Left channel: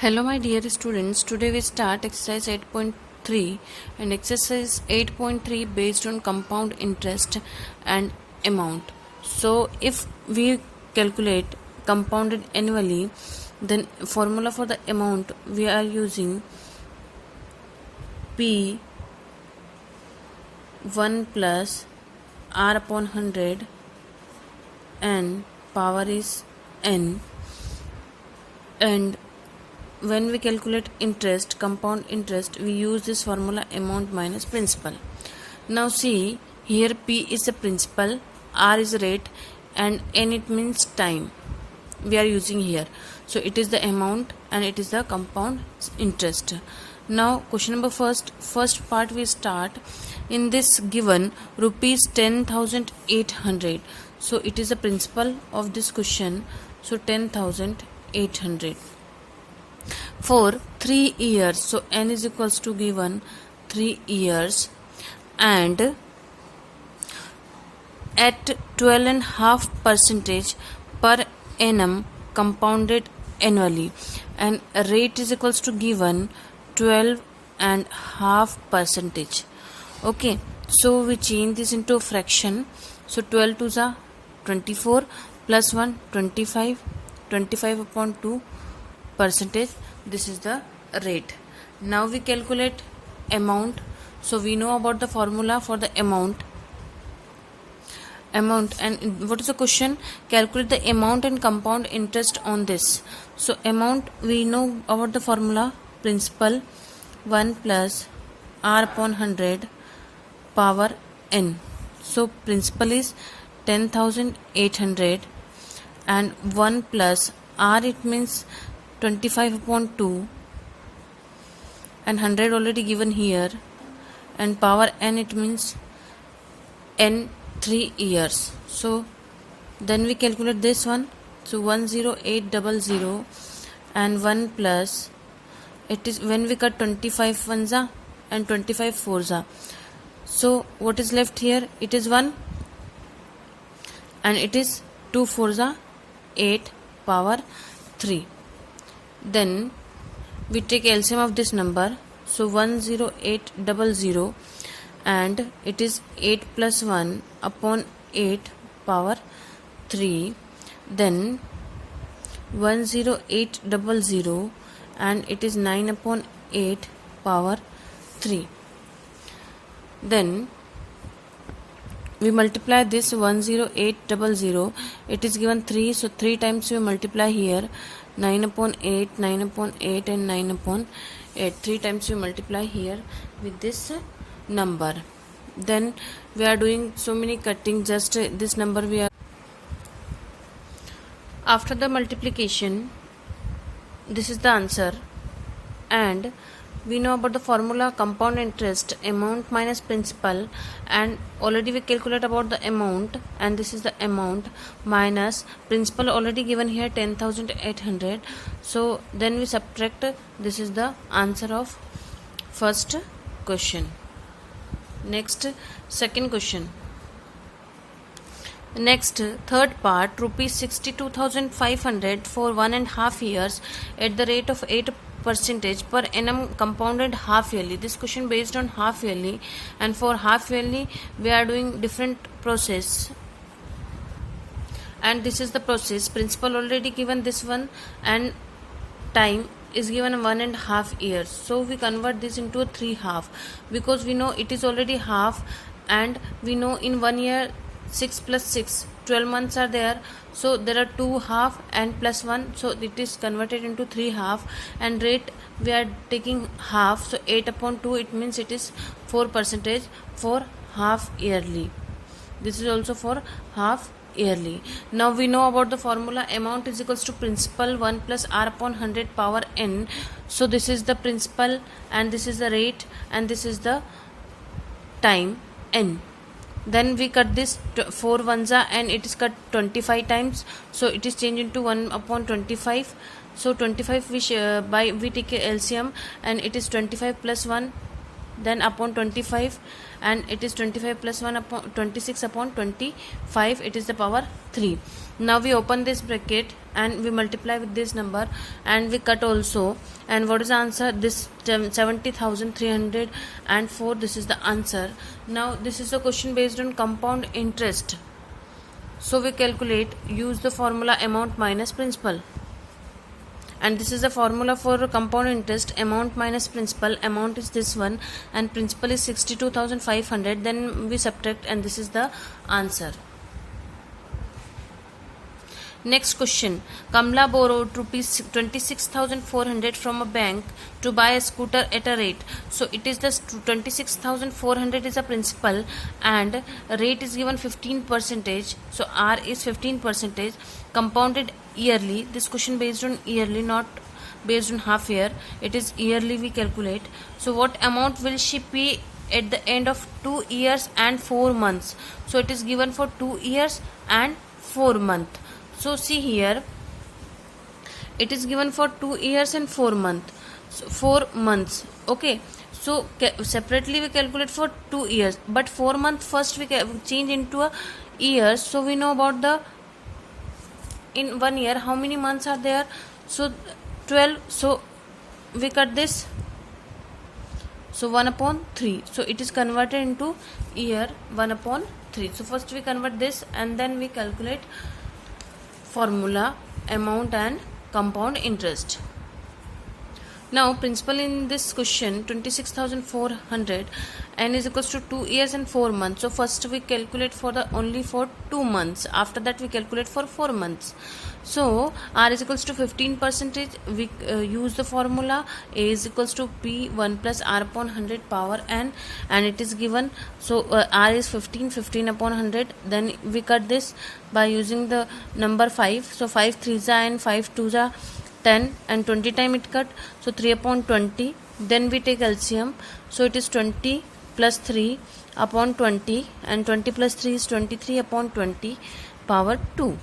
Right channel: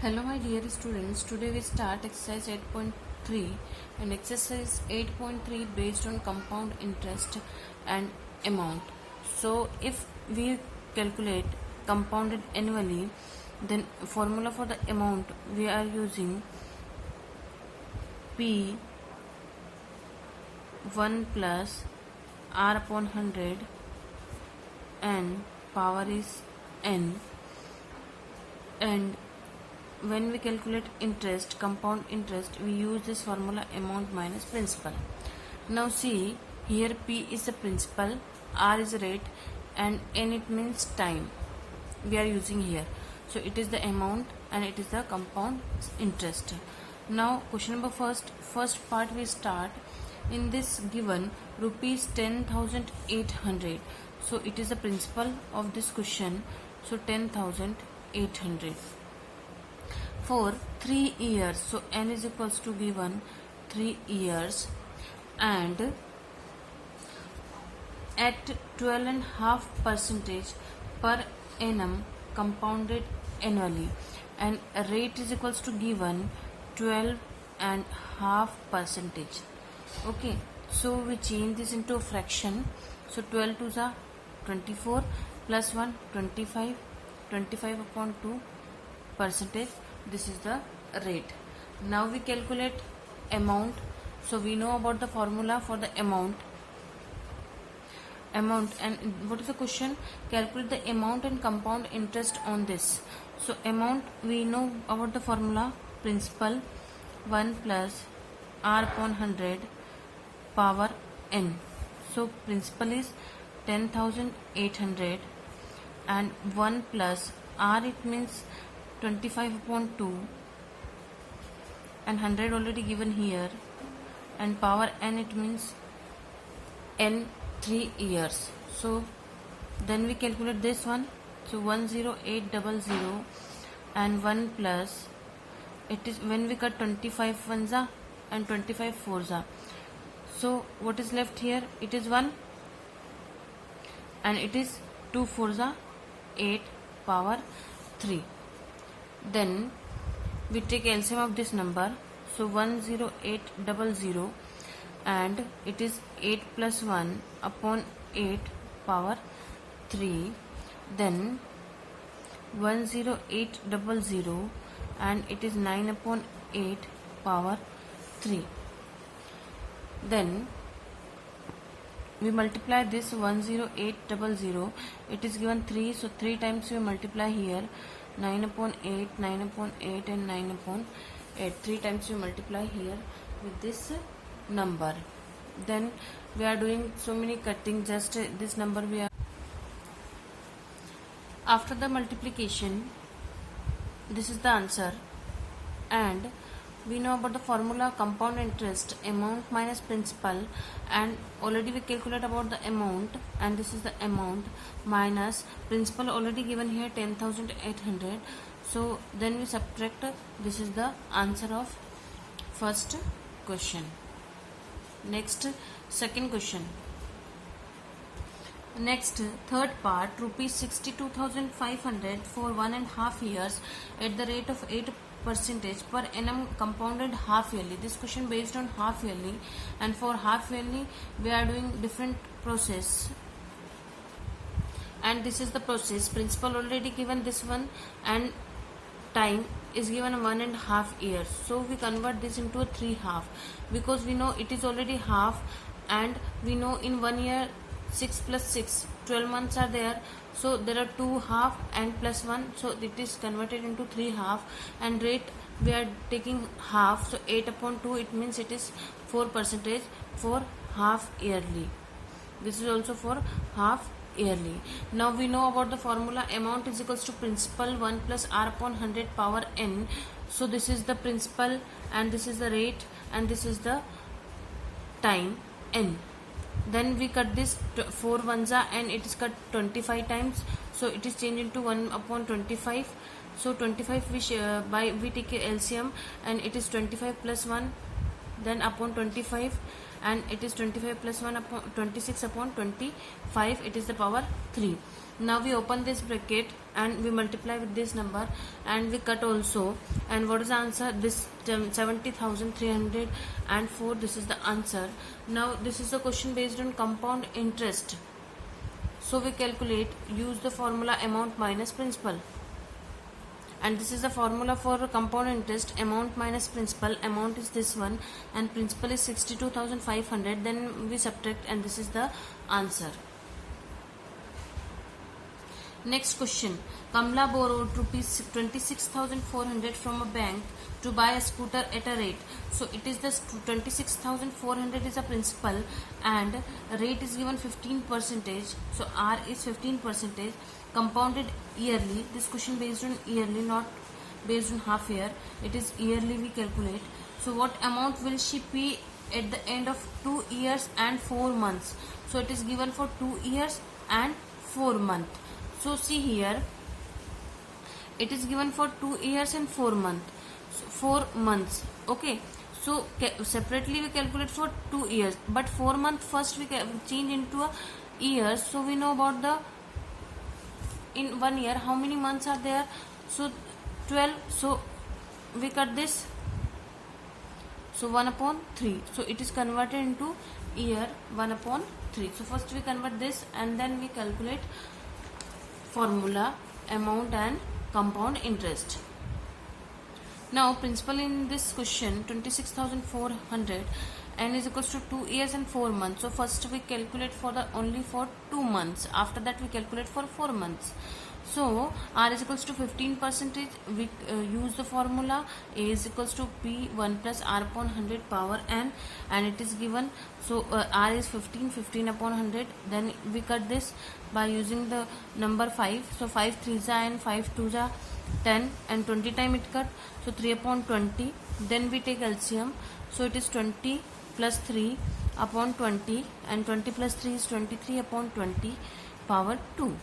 Hello my dear students, today we start exercise 8.3 and exercise 8.3 based on compound interest and amount. So if we calculate compounded annually, then formula for the amount we are using P 1 plus R upon 100 and power is N, and when we calculate interest, compound interest, we use this formula amount minus principal. Now see, here P is the principal, R is rate, and N it means time we are using here. So it is the amount and it is the compound interest. Now question number first part we start. In this given rupees 10,800. So it is the principal of this question. So 10,800. For 3 years, so n is equals to given 3 years, and at 12.5% per annum compounded annually, and rate is equals to given 12.5%. Okay, so we change this into a fraction. So 12 to the 24 plus 1 25, 25 upon 2 percentage. This is the rate. Now we calculate amount. So we know about the formula for the amount, and what is the question? Calculate the amount and compound interest on this. So amount, we know about the formula, principal 1 plus R upon 100 power N. So principal is 10,800 and 1 plus R, it means 25 upon 2 and 100 already given here, and power N, it means N 3 years. So then we calculate this one. So 10800 and 1 plus, it is when we cut 25 ones and 25 fours. So what is left here? It is 1 and it is 2 fours 8 power 3. Then we take LCM of this number. So 10800 and it is 8 plus 1 upon 8 power 3. Then 10800 and it is 9 upon 8 power 3. Then we multiply this 10800, it is given 3, so 3 times we multiply here, 9 upon 8, 9 upon 8 and 9 upon 8. 3 times we multiply here with this number. Then we are doing so many cutting, just this number we are. After the multiplication, this is the answer, and we know about the formula compound interest, amount minus principal, and already we calculate about the amount, and this is the amount minus principal already given here 10,800. So then we subtract. This is the answer of first question. Next, second question. Next, third part, rupees 62,500 for 1.5 years at the rate of 8% per annum compounded half yearly. This question based on half yearly, and for half yearly we are doing different process, and this is the process. Principal already given this one, and time is given 1.5 years. So we convert this into a 3 half, because we know it is already half, and we know in 1 year 6 plus 6, 12 months are there. So there are 2 half and plus 1, so it is converted into 3 half, and rate we are taking half, so 8 upon 2, it means it is 4% for half yearly. This is also for half yearly. Now we know about the formula, amount is equals to principal 1 plus R upon 100 power N. So this is the principal, and this is the rate, and this is the time N. Then we cut this 4 ones and it is cut 25 times, so it is changed into 1 upon 25. So 25 we take a LCM, and it is 25 plus 1 then upon 25, and it is 25 plus 1 upon 26 upon 25, it is the power 3. Now we open this bracket and we multiply with this number and we cut also. And what is the answer? This 70,304, this is the answer. Now this is a question based on compound interest. So we calculate, use the formula amount minus principal. And this is the formula for compound interest, amount minus principal. Amount is this one and principal is 62,500. Then we subtract and this is the answer. Next question. Kamla borrowed rupees 26,400 from a bank to buy a scooter at a rate. So it is the 26,400 is a principal and rate is given 15%. So R is 15%. Compounded yearly. This question based on yearly, not based on half year. It is yearly we calculate. So what amount will she pay at the end of 2 years and 4 months? So it is given for 2 years and 4 months. So see here, it is given for 2 years and 4 months. So 4 months. Okay. So separately we calculate for 2 years, but 4 months first we change into a year. So we know about the, in 1 year how many months are there? So 12. So we cut this. So 1 upon 3. So it is converted into year 1 upon 3. So first we convert this and then we calculate formula, amount and compound interest. Now principal in this question 26,400 and is equals to 2 years and 4 months. So first we calculate for the only for 2 months. After that we calculate for 4 months. So R is equals to 15%. We use the formula A is equals to P1 plus R upon 100 power n, and it is given. So R is 15 upon 100. Then we cut this by using the number 5. So 5 3s and 5 2s 10 and 20 time it cut. So 3 upon 20. Then we take LCM. So it is 20 plus 3 upon 20 and 20 plus 3 is 23 upon 20 power 2.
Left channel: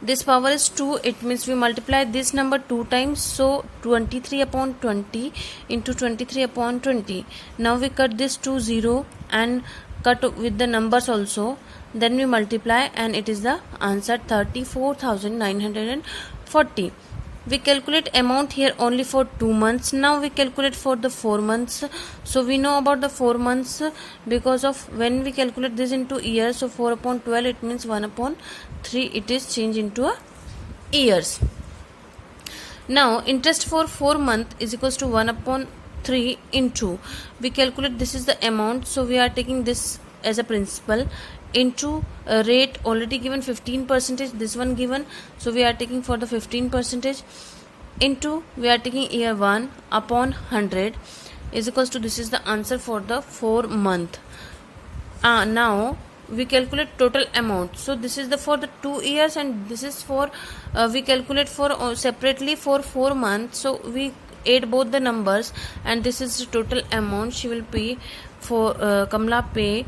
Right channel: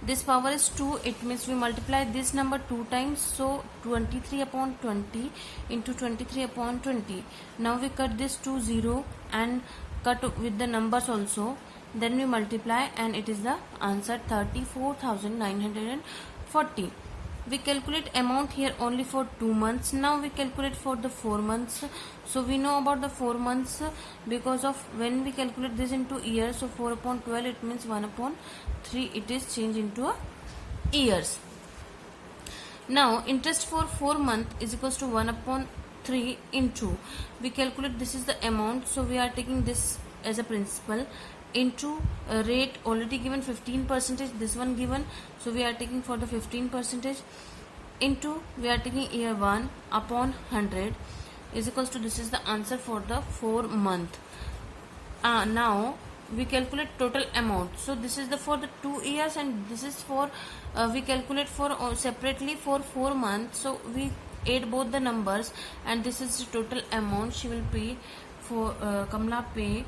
This power is 2. It means we multiply this number 2 times. So 23 upon 20 into 23 upon 20. Now we cut this to 0 and cut with the numbers also. Then we multiply and it is the answer 34,940. We calculate amount here only for 2 months. Now we calculate for the 4 months. So we know about the 4 months because of when we calculate this into years. So 4 upon 12 it means 1 upon 3. It is changed into a years. Now interest for 4 months is equals to 1 upon 3 into, we calculate this is the amount. So we are taking this as a principal into a rate already given 15%, this one given. So we are taking for the 15% into, we are taking year 1 upon 100 is equals to, this is the answer for the 4 month. Now we calculate total amount. So this is the for the 2 years and this is for we calculate for separately for 4 months. So we add both the numbers and this is the total amount she will pay for Kamla pay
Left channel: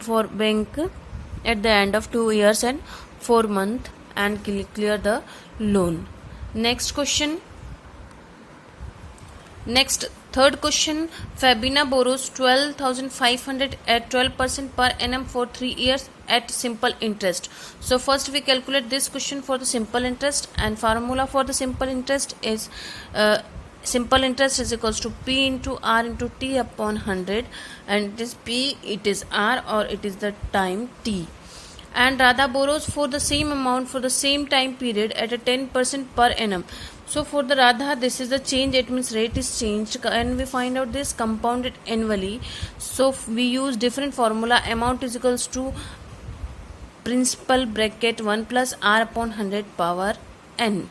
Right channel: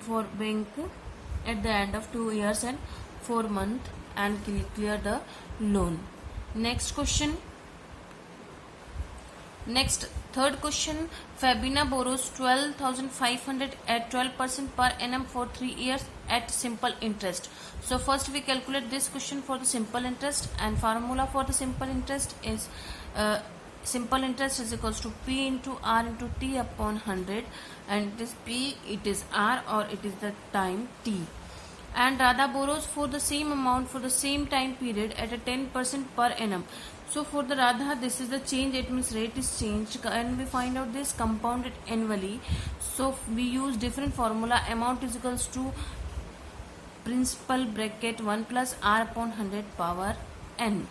for bank at the end of 2 years and 4 months and clear the loan. Next question. Next, third question. Fabina borrows 12,500 at 12% per annum for 3 years at simple interest. So first we calculate this question for the simple interest, and formula for the simple interest is simple interest is equals to P into R into T upon 100, and it is P, it is R, or it is the time T. And Radha borrows for the same amount for the same time period at a 10% per annum. So for the Radha, this is the change, it means rate is changed, and we find out this compounded annually. So we use different formula. Amount is equals to principal bracket 1 plus R upon 100 power n.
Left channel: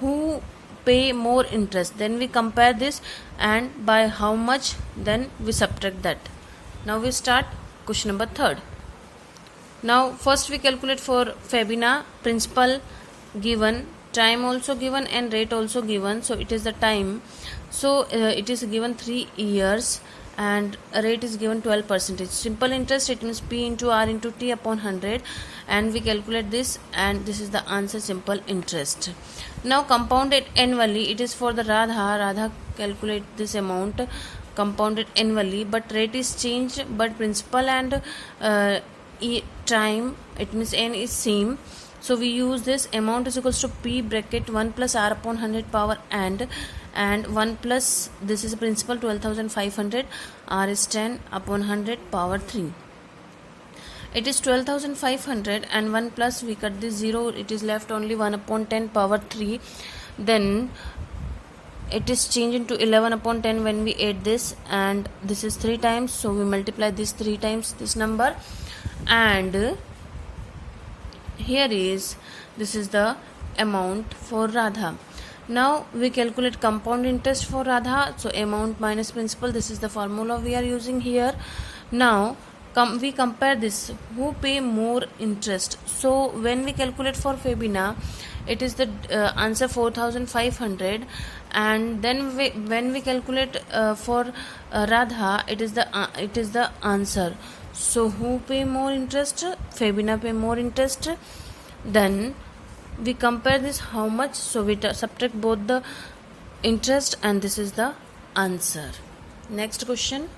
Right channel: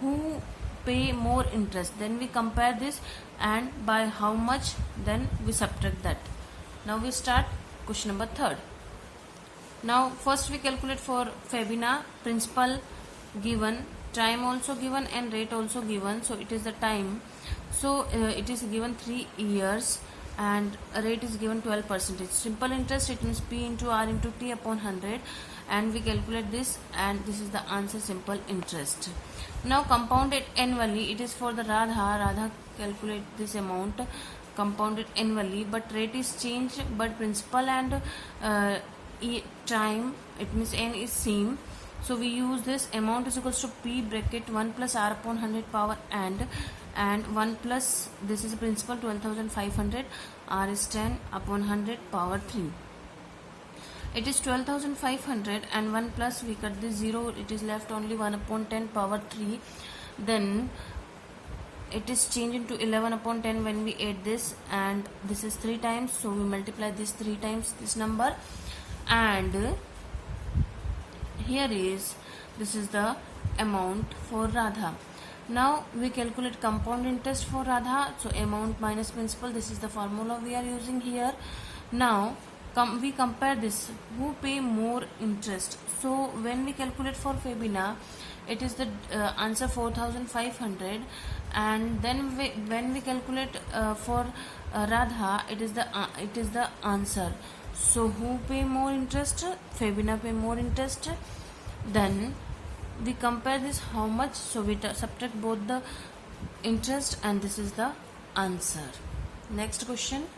Who pay more interest? Then we compare this, and by how much, then we subtract that. Now we start question number 3rd. Now first we calculate for Fabina, principal given, time also given, and rate also given. So it is the time. So it is given 3 years and rate is given 12%. Simple interest, it means P into R into T upon 100, and we calculate this, and this is the answer, simple interest. Now compounded annually, it is for the Radha. Radha calculate this amount compounded annually, but rate is changed, but principal and time, it means n is same. So we use this amount is equals to p bracket 1 plus r upon 100 power and 1 plus this is principal 12,500, r is 10 upon 100 power 3. It is 12,500 and 1 plus we cut this 0, it is left only 1 upon 10 power 3. Then it is changed into 11 upon 10 when we add this, and this is 3 times, so we multiply this 3 times this number, and here is this is the amount for Radha. Now we calculate compound interest for Radha, so amount minus principal, this is the formula we are using here. Now we compare this, who pay more interest. So when we calculate for Febina, it is the answer 4,500, and then when we calculate for Radha, it is the answer. So who pay more interest? Febina pay more interest. Then we compare this how much, so we subtract both the interest and this is the answer. Next question.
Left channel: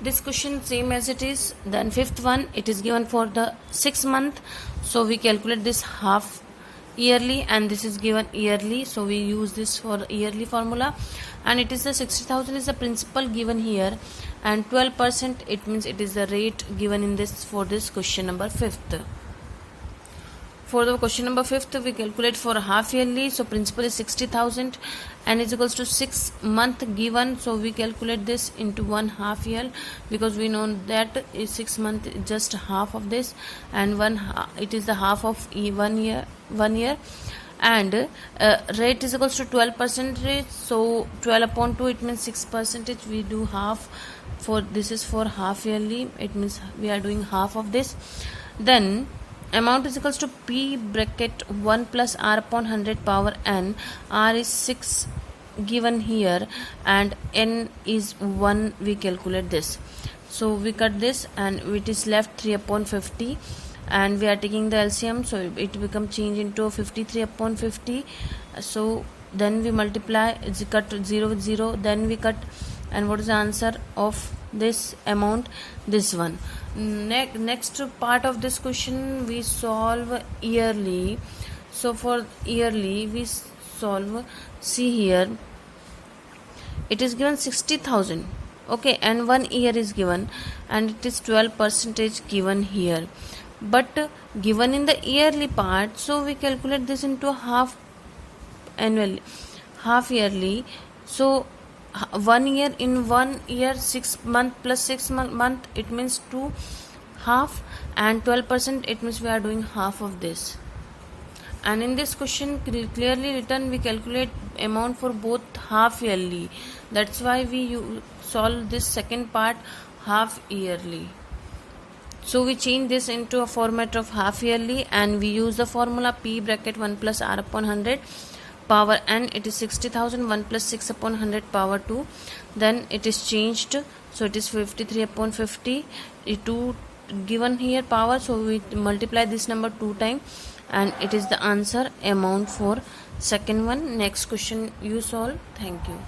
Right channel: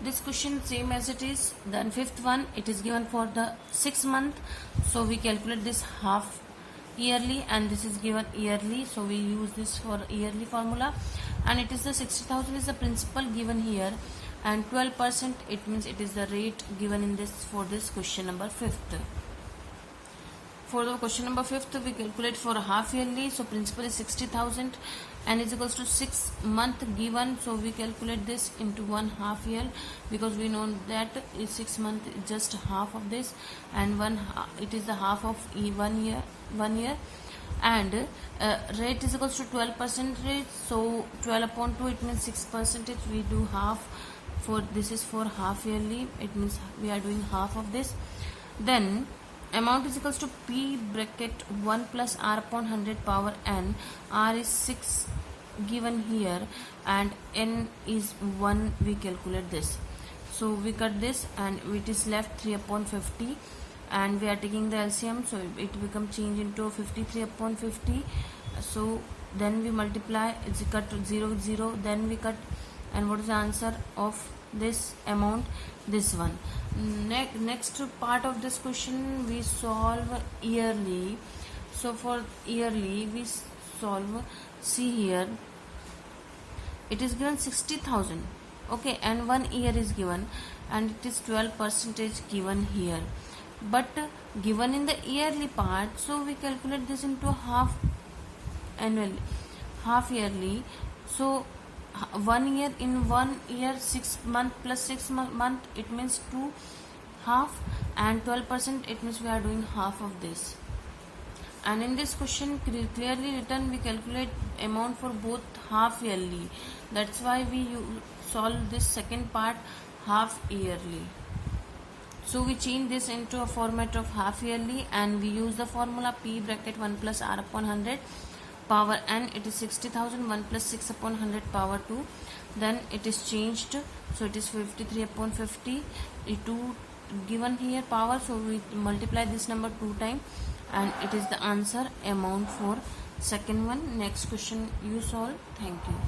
This question same as it is. Then fifth one, it is given for the 6 month, so we calculate this half yearly and this is given yearly, so we use this for yearly formula, and it is the 60,000 is the principal given here, and 12%, it means it is the rate given in this for this question number 5th. For the question number 5th, we calculate for a half yearly, so principal is 60,000 and is equals to 6 month given, so we calculate this into 1 half year, because we know that is 6 month just half of this, and it is the half of 1 year, and rate is equals to 12%, so 12 upon 2, it means 6%, we do half. For this is for half yearly, it means we are doing half of this. Then amount is equals to p bracket 1 plus r upon 100 power n, r is 6 given here and n is 1, we calculate this, so we cut this and it is left 3 upon 50, and we are taking the LCM, so it become change into 53 upon 50, so then we multiply, it's cut 0 with 0, then we cut, and what is the answer of this amount? This one. Next part of this question we solve yearly. So for yearly we solve, see here it is given 60,000, okay, and 1 year is given and it is 12% given here, but given in the yearly part, so we calculate this into half yearly, so 1 year, in 1 year 6 month plus 6 month, it means 2 half, and 12%, it means we are doing half of this. And in this question clearly written, we calculate amount for both half yearly, that's why we solve this second part half yearly. So we change this into a format of half yearly, and we use the formula p bracket 1 plus r upon 100 power n, it is 60,000, 1 plus 6 upon 100 power 2, then it is changed, so it is 53 upon 50, 2 given here power, so we multiply this number 2 times and it is the answer amount for second one. Next question you solve. Thank you.